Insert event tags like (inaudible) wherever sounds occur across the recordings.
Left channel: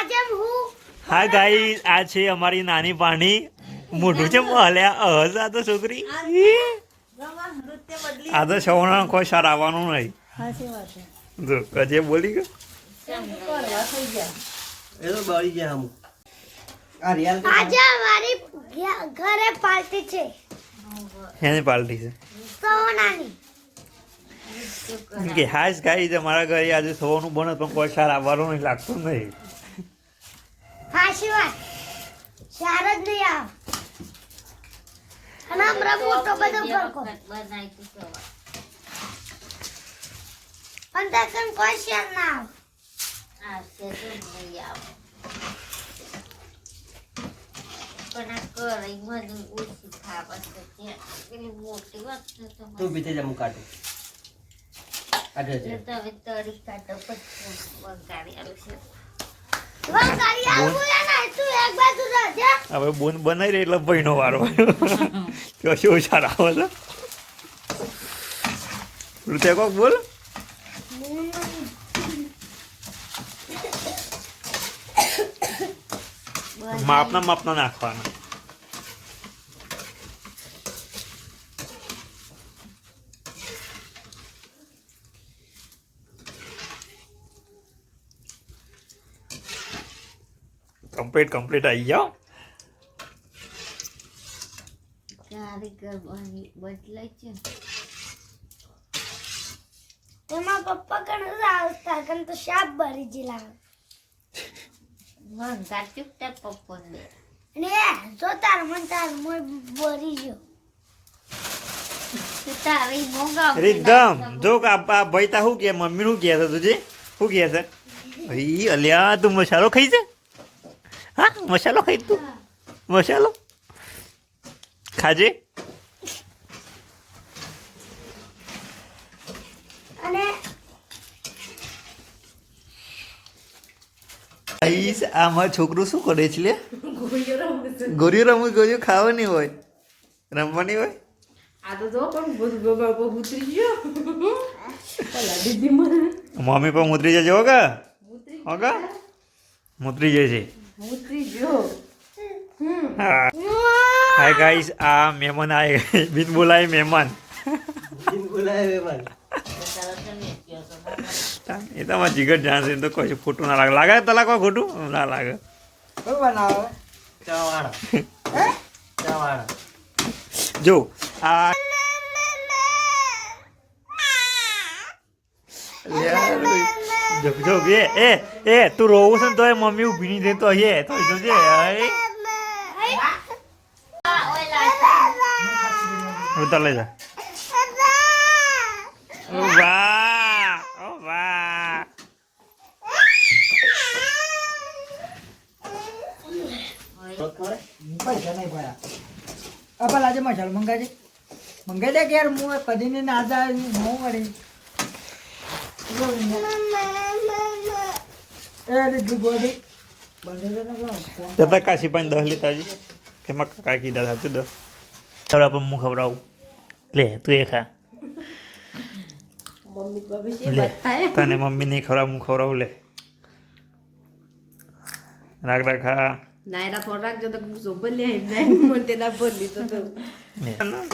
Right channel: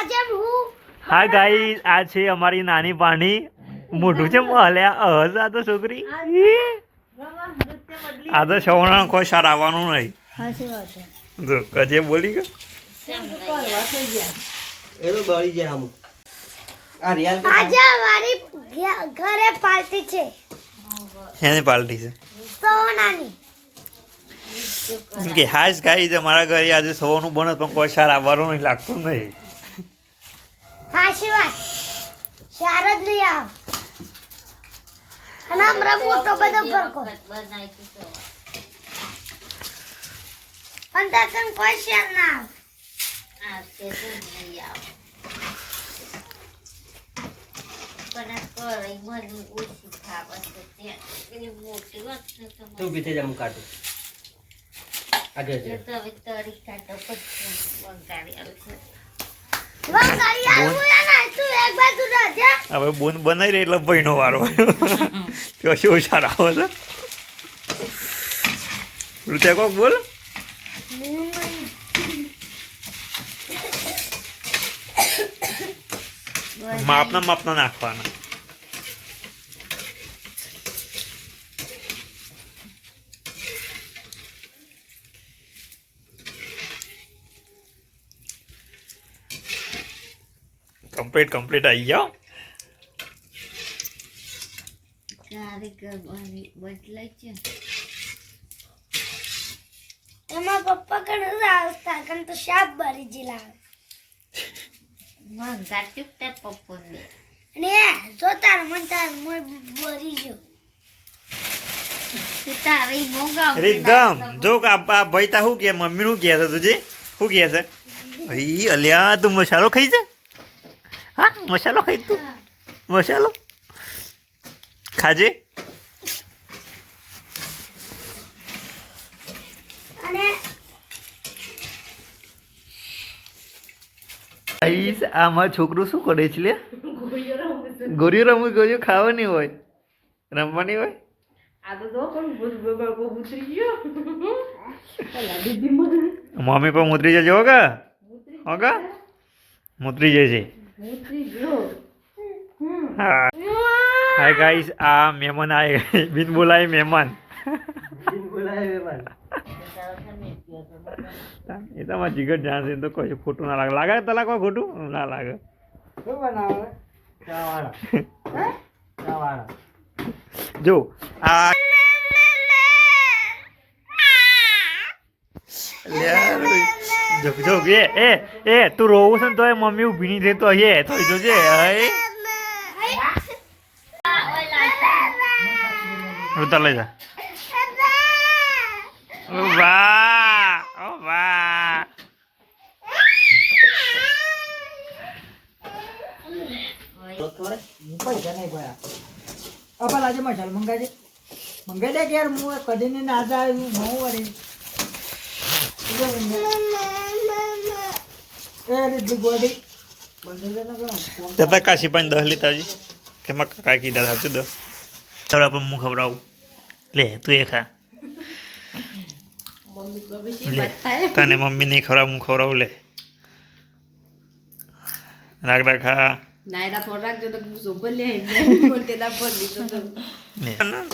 આજે હું હા ગાઈ આ છે અમારી નાની પાણી. મોઢું છે હલ્યા? હસ આ તો છોકરી. આ તો સવર્ણ કોઈ સાર આવવાનું નહીં. જો કજે બોલી ગયો? એ તો બળી જાય આમ આ રિયાલ આજે અમારી ઘરે પાર્ટી છે. એની પાર્ટી છે? સોનાની. કે હાશ ગાઈ છે ઘરે આજે સવારનું બને પણ કોઈ સાર આવવાનું નહીં લાગતું નહીં. સાચી વાત. ચાર જ નહીં આવ. અને હમણાં મોટો બધો ફરકો પણ દર્શન કોઈ શેર ના આવ. તું પીછે જા કાઢું આગળ હવે બોન બનાવી રહી એટલે ભાઈનો વારો શું સારા આવે છે? કોક બોલ. માપના માપના નાખવાના. કમ્પ્લીટ કમ્પ્લીટ આવી જાઓ એમાં પપ્પા કણ આવતા કણ તો શાક ભરી જી લાવે અને જો તાર મન તાર ભરી જો. કે આ આ ભાઈ તા શું કે મમ્મી શું કે છે તુજી શું કે છે? ભાઈ અલ્યા તું મસાલો ખાઈ છે? હા મસાલો ખાઈ તું મસાલો? ખાજે? આમાં છોકરું શું કરે છે લે? ગોરી રમવું ગયો ખાવાની હોય. રમવાની હોય? મમ્મી પણ ઉતરી જજો હો કા હો કા મુતરી જશે હા હાય ગાઈસ આ મહેમાન આય બિન બોલાય મહેમાન. જીન બોલાવે મહેમાન. એ તો મારા જીગર જાણશે તો કશું ખોટું ના લાગે. લાગે તો લાગવા ખોટું ના લાગે. જો આ યાર જો જો એ એ એ તું રોવું છે ને તોય મમ્મી ઊભી નહીં રહેતો હે તો જોજે ઉતાર લઈ જા વાહ વાહ પૈસા આજે મંગાજે મંગાઈ દે કે યાર હું કદી ને ના જાય હું વળી દે દાદા કાશી દસ લીધા છે. કે માં કાકા કીધા સાચું દસ થોડા પણ હું ખવડાવું. લે તું એ ખા. તને મમ્મી નહીં ખવડાવ હું ખવડાવું લે. રાખ રાખ ખા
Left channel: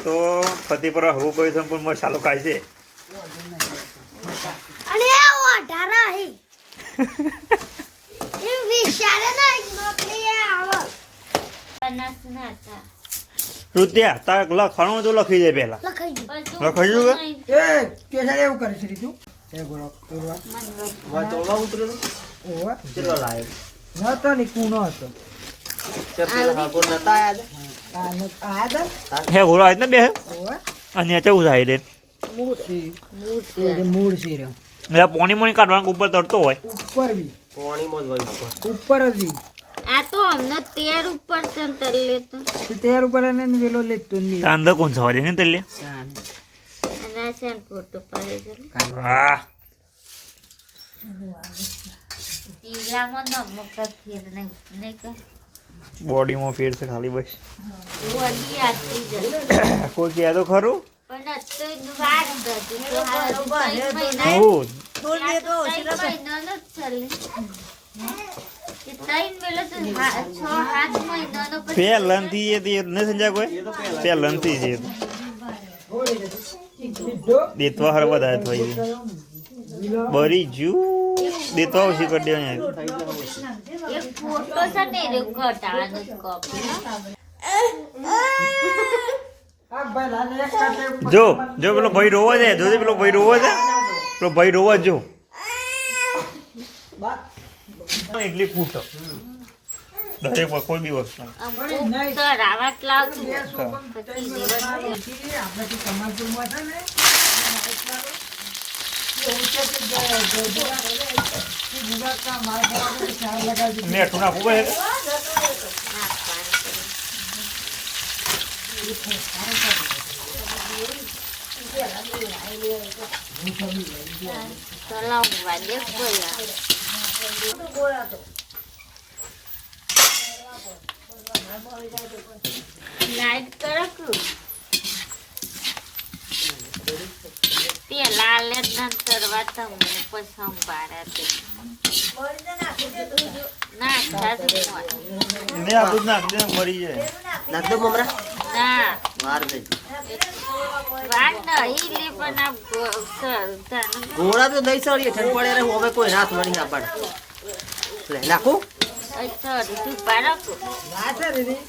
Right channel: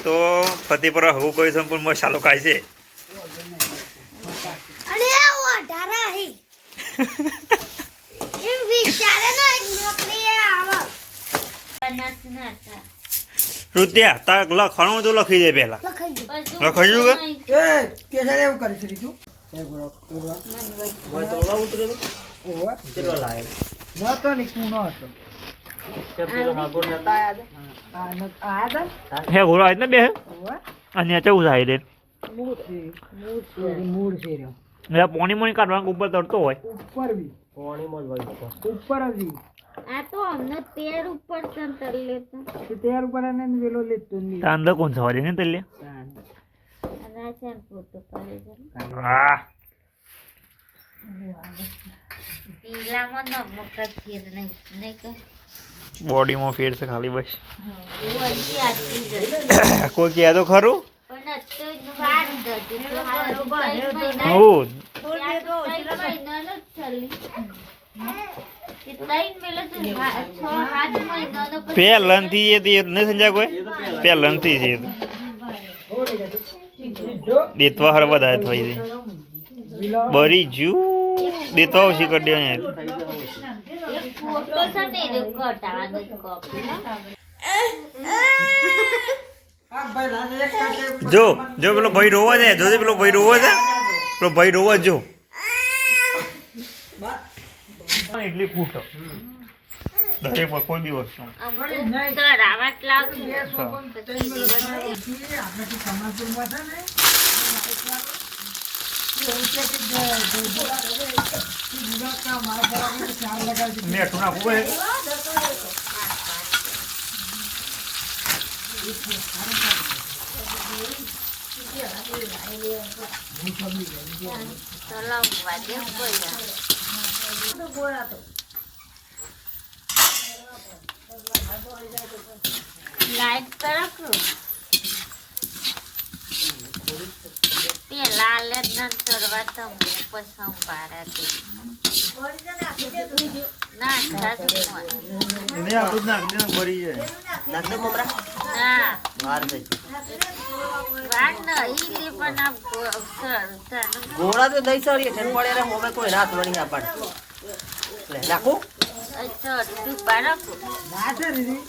તો ફતેપુરા તો. તો હવું કોઈ સંપૂર્ણ મસાલો ખાય છે અને એ ઓઢારા હી એમ વિચારે ના એક નોકરી એ આવો રૂત્યા તાર લખવાનું તો લખી દે ગયું લખાઈ કે? એ એવું કરે છે રીતું ગોળો વળ ઉતરેલો ઓવા. ની ન હે ઘોડો આવી ને બે અને ચેવું થાય દે. મૂળ મૂળ છે. રે એટલે પોણી મોણી કાઢવાનું ઉપર તરતો હોય? ઉપર બી પાણીમાં જ હોય ઉપર. ઉપર જ બી આ તો અમને તેર ઉપર ચંતર લેતો તેર ઉપર એને વેલો લેતો નહીં તાંદો અંદર કોણ સવારે ને તેલે અને આ છે ને ફોટો પાડે છે વાહ. પીલામાં નમક ફેર નહીં નહીં કહે બોડીમાં ફેર છે ખાલી બસ. કોઈ કહે તો ખરું? ચાલે એ તો નહીં સમજ્યા કોઈ પહેલાંથી છે દેતવા હર વધારે થઈ બરી જુ દેતવા ઓછી કરી દેવાની જ જો જો પેલો ભાઈ રોવો છે જોજે પેલો ભાઈ રોવો છે પેલો ભાઈ રોવો જો. એટલી ફૂટો. દરેક કોઈ બી વસ્તુ. ને એવું છે કે જે- જે- જે- જે ગુજરાતના માળખામાં ચાર લગાવી દીધી. નેઠું નાખવું પડે ચલાવ વાલે બોલા લાઈટ કરો પેલા લે નંતર વાતાવરણ કોઈ સંભાળા ના સાધુ ના આ બધું નાખ દે ભરી જાય નાખ દો મમરા. ના વાર દે ગોળા તો દઈ સર ઠંડ પડે રે હવે કોઈ રાત ના પાડે. લે નાખું. સર તું બાળક. ના છે દીદી.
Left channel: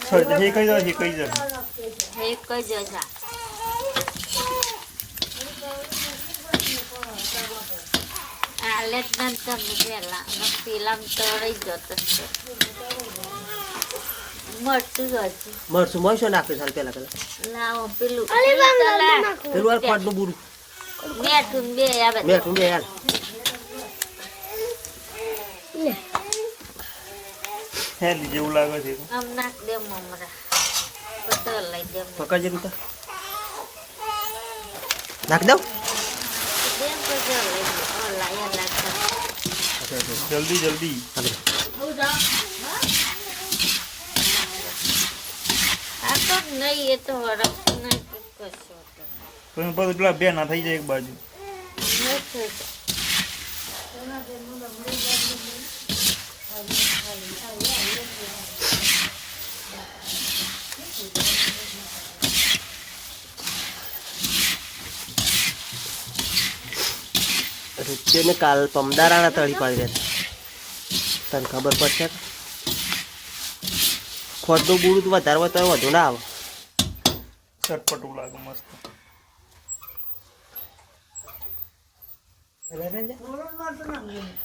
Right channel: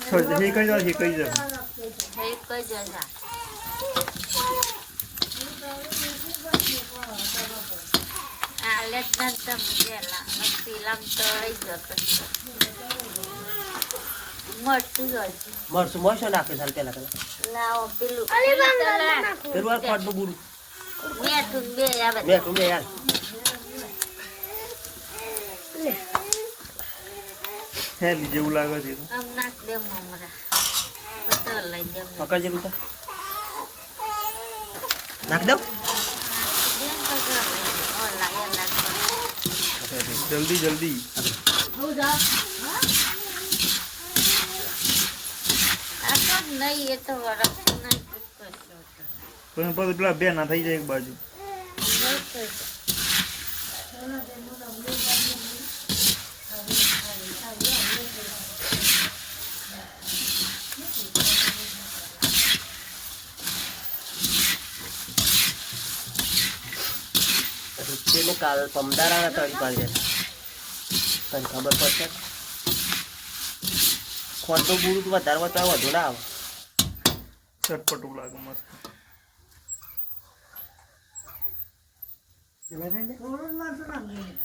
સર એ કઈ જાય એ કઈ જાય એક જ હજાર આ લે નંતર પેલા પેલા તો રહી જતો. મરચું મરચું મરસું મરસો નાખે સાલ પેલા પેલા. લાવો પેલું પેલું આ બુરું. બેઠું બે આવે. બે બે યાર હેલી જેવું લાગે છે આમ નાખ દે મમરા તો લઈ જમ પકડજે તું નાખ દઉં? જલ્દી જલ્દી તો નહીં એ તો વરસ નહીં પણ પછી પેલા બે ના થઈ જાય એક બાજુ રૂપિયોને કાલ પમદારાના તળી પાડી દે. તને ખબર પડશે? ખોટું બુરું તું વધારે હોય તો વધુ ના આવે. ચટપટું લાગે મસ્ત.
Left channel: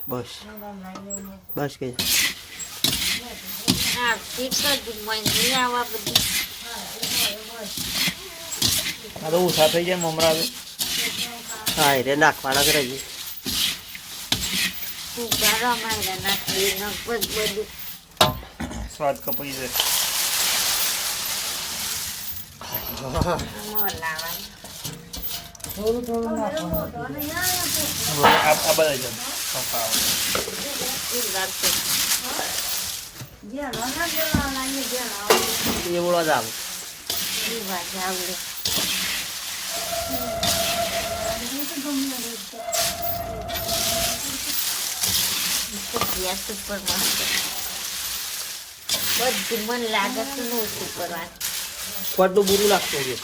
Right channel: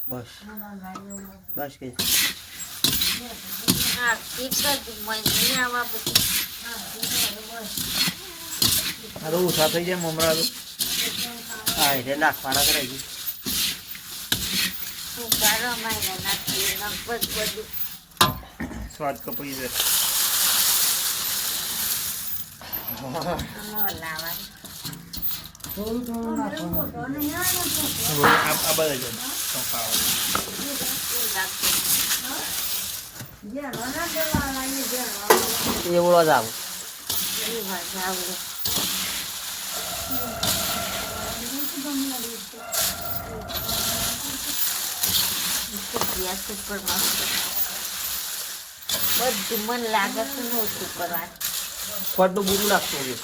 બસ. બસ કે. આ તો ઉષા થઈ જાય મમરા હા એટલે નાખવાના કરે તું બારો મારા નાખી ને બધું સ્વાદ કપાઈ જાય આમાં લાવવાનું થોડું થોડું નાખવાનું આ આ બધા જ ખાવા શું લાગશે એવડો જ આવે બધું મન લાગે છે ને ઓછું કરવાનું ખોટું બુરું નાખતો હોય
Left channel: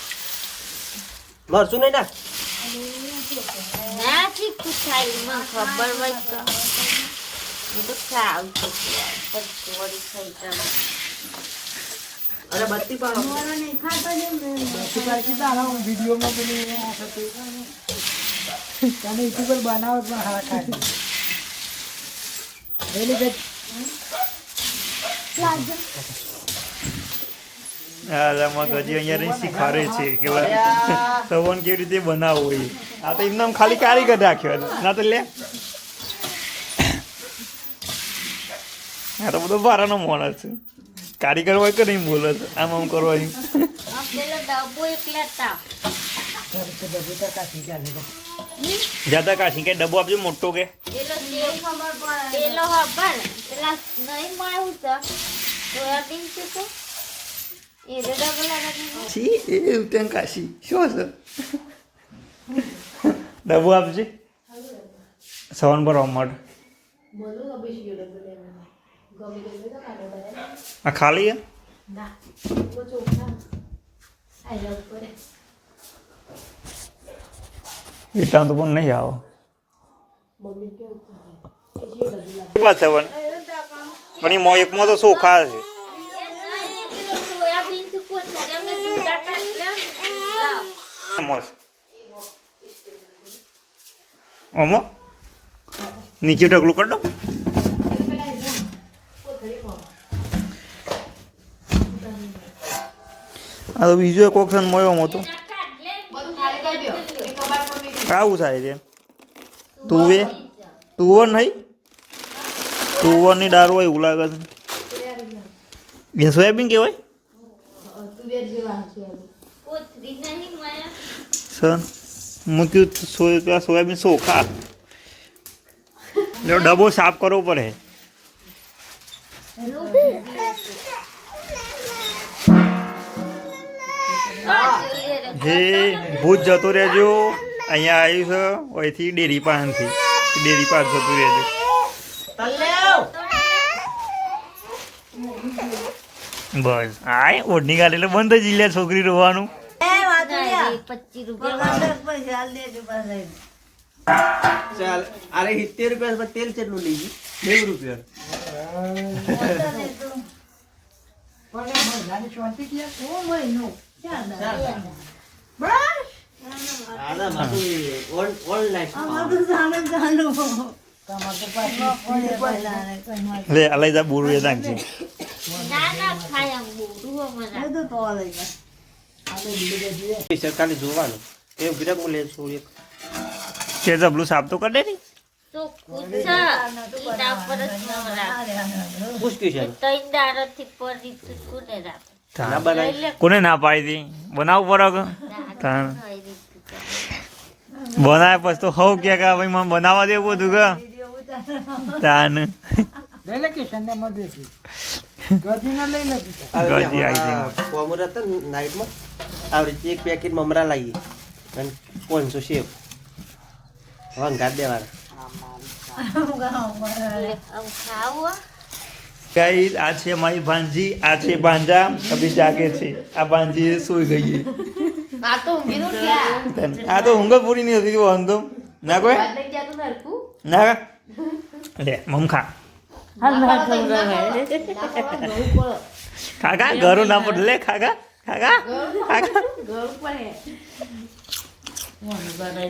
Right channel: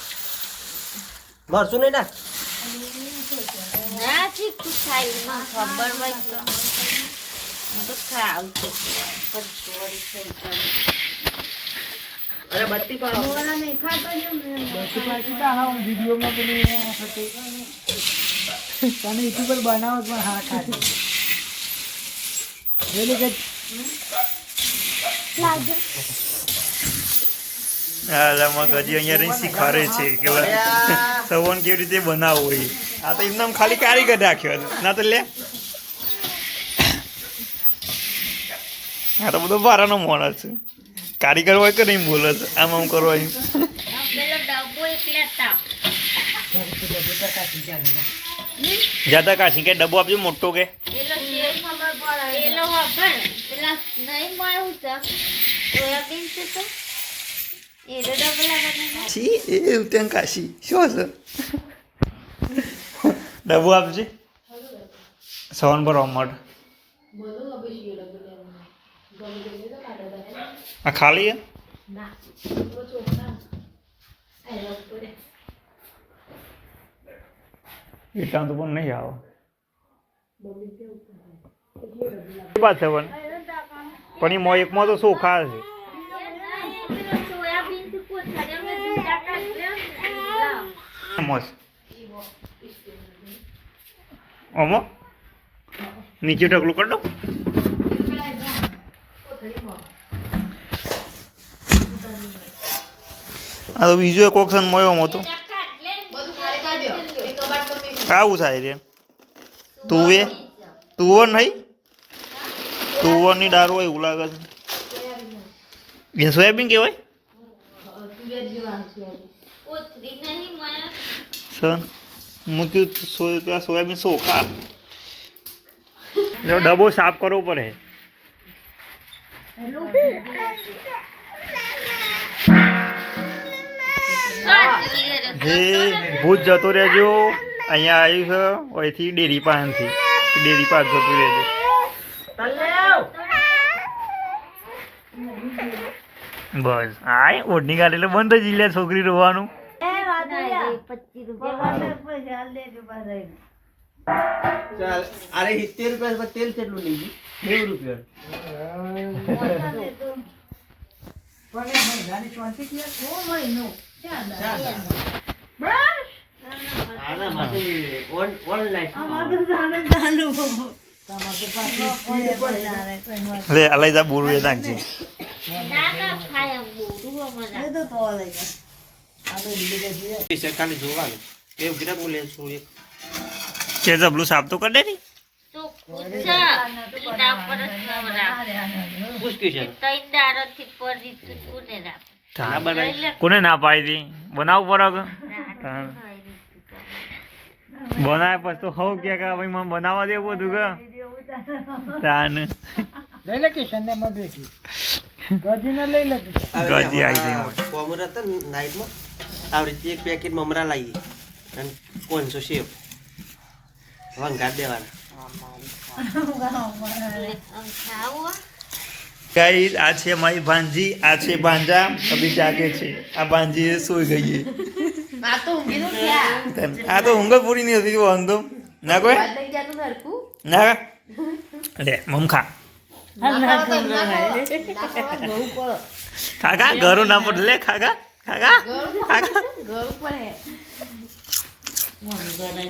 મરશું નહીં નાખ નથી તું સાઈડમાં ખબર હોય તો. હું તો ખાવ છું પછી વળી થઈ જાય. અરે બત્તી હું વિડીયોમાં પેલી નાખે તમે યુટ્યુબર બનાવો પણ હા ખાય. પેલું કે હા આમાં ગજી અહીંયા રહી શીખવાડે છે. કે સવન કેવી રીતે બનાવવું હોય આ તો એમને ખાલી કારીગર રાખ્યો ના તો લે. આ તો બધો બારાનો માણસ છે. કારીગર હોય કે નહીં બોલે છે? આમ આમ કરવાનું આ પેલો ડબ્બો એક લેતા જાતા કાશી કે ડબ્બો આપજો મોટો કે? પેલો નહીં મળ્યું સોયાબીન છે તો. એ છી એ ઉત્તમ કાશી શું છે ડબુ આપજે સવન પર માટે આ ખાલી એટલા તો પણ નહીં આવો વાત છે પણ પણ એમાં એકમાં તો સોખા છે સોયાબીનથી કોથળી અમે જુદા કાઢી મસ્ત ઓમો નીચે ઢગલું કરી દો આ તો બીજો એક ઓપ્શન મળ્યો આમાં તો આવું થાય છે તુવે તુવર નહીં તુવરની દાળ હોય એવું લાગે છે સોયાબીન કહેવાય. સર મૂક્યું સોય ત્યાં સોયાબીન સોખા એટલે ડબ્બો સાફ કરવો પડે. જે ભૂત જતો રહેજો, અહીંયા આવ્યું છે, અહીંથી ડેરી પાસેથી. ડેરી પાસ જતું રહેજો. બસ. આ ઓઢની ગાડી એટલે બંધ જ લે છોકરી રોવાનું પચીસ રૂપિયા. ચાલ અરે સિત્તેર રૂપિયા તેલ કેટલું લઈ ગઈ નેવું રૂપિયા. એ લે અલાઈ બોરું એ તો ના ના ખાય બોરું અમારા સરકારને જોવાનું. એ એક કે જબલું સાફ તો કરી દે ની. કોને ના બનાવી એટલે કોને ના પાડી હતી બનાવવું પડે બનાવે પછી તો હવ કે કે ભાઈ મને બનાવવા દેવું બધું કે? તાન લઈ લે કિશનને મદદ ગજીને લઈ લે કિશન. ગજી આવી ગઈ હોય. કોમર હતા નાઇટમાં આવી રીતે એક પેકેટ મમરા લાવી અને પાંચસો શેપ વંગાટ દેવાના. આમ આ છે મારી ભાંજી આ છે ભાંજા. અભી જાગે છે. આ ભાંજી સુઈ ગઈ છે. આ તો ઊંઘ પૂરી નહીં હતી વાંધો ના કોઈ? ના? લે મમ ખાગા ઘરું ના પડે લે ખાગા ખાગા ખાગા.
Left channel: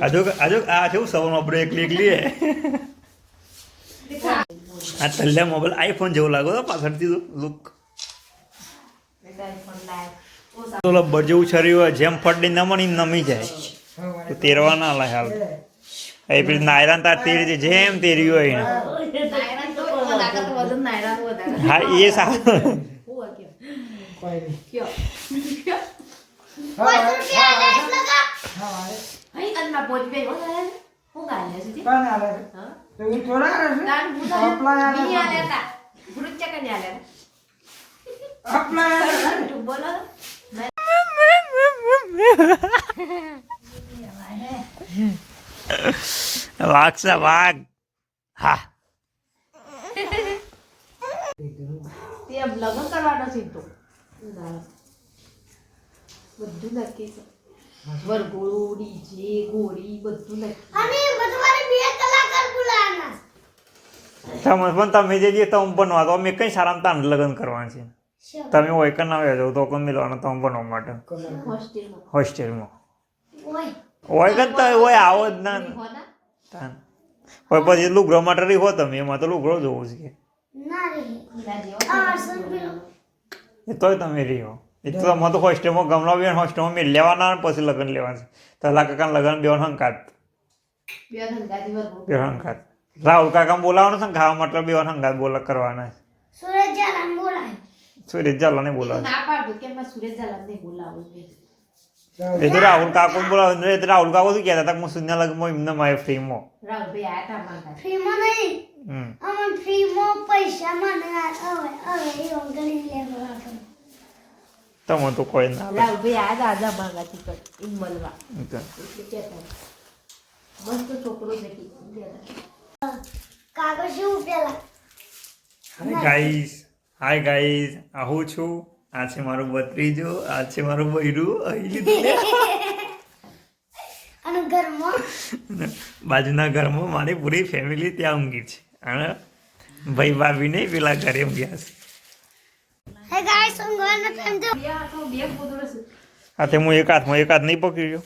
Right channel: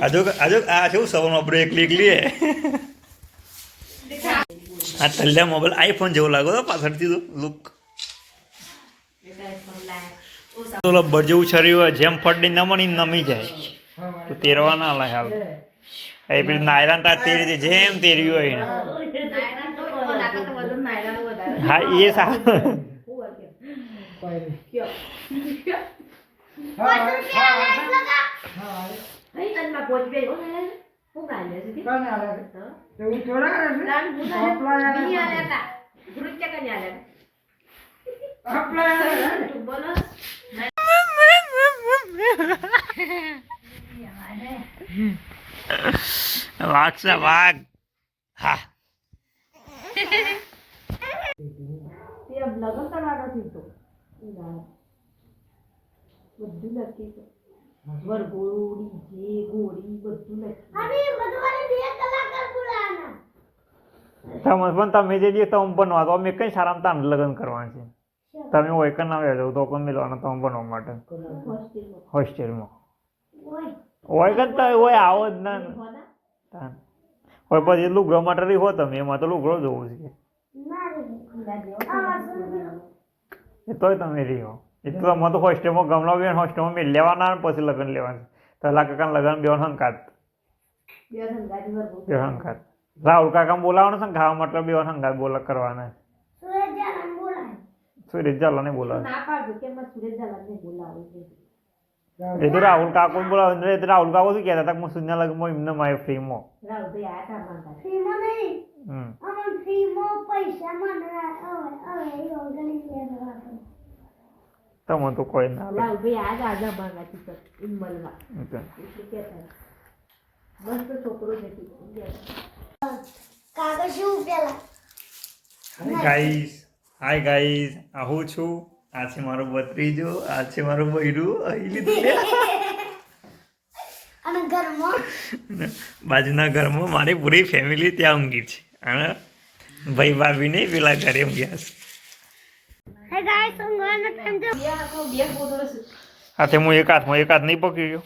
આજુ આજુ આ જેવું સવારમાં બ્રેક લીક લઈએ આ તલ્યા મોબાઈલ આઈફોન જેવો લાગો તો પાછળથી તો લુક તો બજવું જેવું છરી હોય જેમ ફટડી નમણી નમી જાય. તો તેરવા ના લાગે હાલ. એ પેલી નાયરાન તાર તેરી જેમ તેર્યું હોય એને. હા એ સારું વાઘ નહીં. હા, હા, હા, હા, કોણ આલે છે? તો ઈ થોડા આલે છે? અપલાય આલે છે? અપલાય આલે છે ને? વાઘ છે વાઘ હા લગ્ન કરવાનો છે બધું નક્કી છે. વરઘોડું ડીજે ઘોડી બધું નક્કી અને બુધવારે બે કલાકાર બોલાવાના. તમે પણ તમે જે જે તમે બનવા તો અમે કઈ સારામાં તાન લગ્ન કરવાના છે? તમે હોય કે ના હોય તો કોણ મિલવાના તમે બનવા માટે. હોસ્ટેલમાં. હોસ્ટેલમાં. હોય કે તો હોય આવો જ ના. હોય પછી લુગડો માટે રહી હો તમે એમાં તો લુગડો જોવું છે ના રે હીરા જેવો આ સંભળો એ તોય તમે રહ્યો. એ તો અમે તો હોસ્ટેલમાં ગમલા બેન હોસ્ટેલમાં મેં લેવાના પછી લગ્ન લેવાના છે. તલા કાકા લગ્ન બેન હંકાત બે બેન હંકાત રાહુલ કાકા બોલાવવાનું છે ને ખાવા માટે બેન હંકાત બોલા કરવાના છે. સુરજ જાlan બોલાય. સુરેશ ઝાલાને એ બોલાવે ના પાડો કે સુરેશ ઝાલાને બોલાવું છે એ તો રાહુલ કાકો બોલાવ એ તો રાહુલ કાકો શું કહેતા હતા હું સુન્યા લગ્નમાં એમને મારે ફ્રીમાં રાહુલભાઈ આયા તા માંગતા ફ્રીમાં નહીં? હમ. અમને ફ્રીમાં પૈસા મને હવે હવે એ અંગલી લેવા તમે તો કોઈ ના. રાહુલભાઈ તા આજા માંગાથી કર ઇન મળવા. મસ્ત છોકરો કી કાગળ શું પેલા હાય ગાઈસ હાય ગાઈસ આવું હું છું. આ છે મારો બત્રીજો આ છે મારું બૈરું અહીં લીધું (laughs) અને ઘરમાં? બાજુના ઘરમાં મારી પૂરી ફેમિલી ત્યાં ઊંઘી છે. અને ભાઈ ભાભી નહીં પેલા ઘરે ઊંઘ્યા છે. તો. હા તે હું એક હાથમાં એક હાથ નહીં પકડ્યો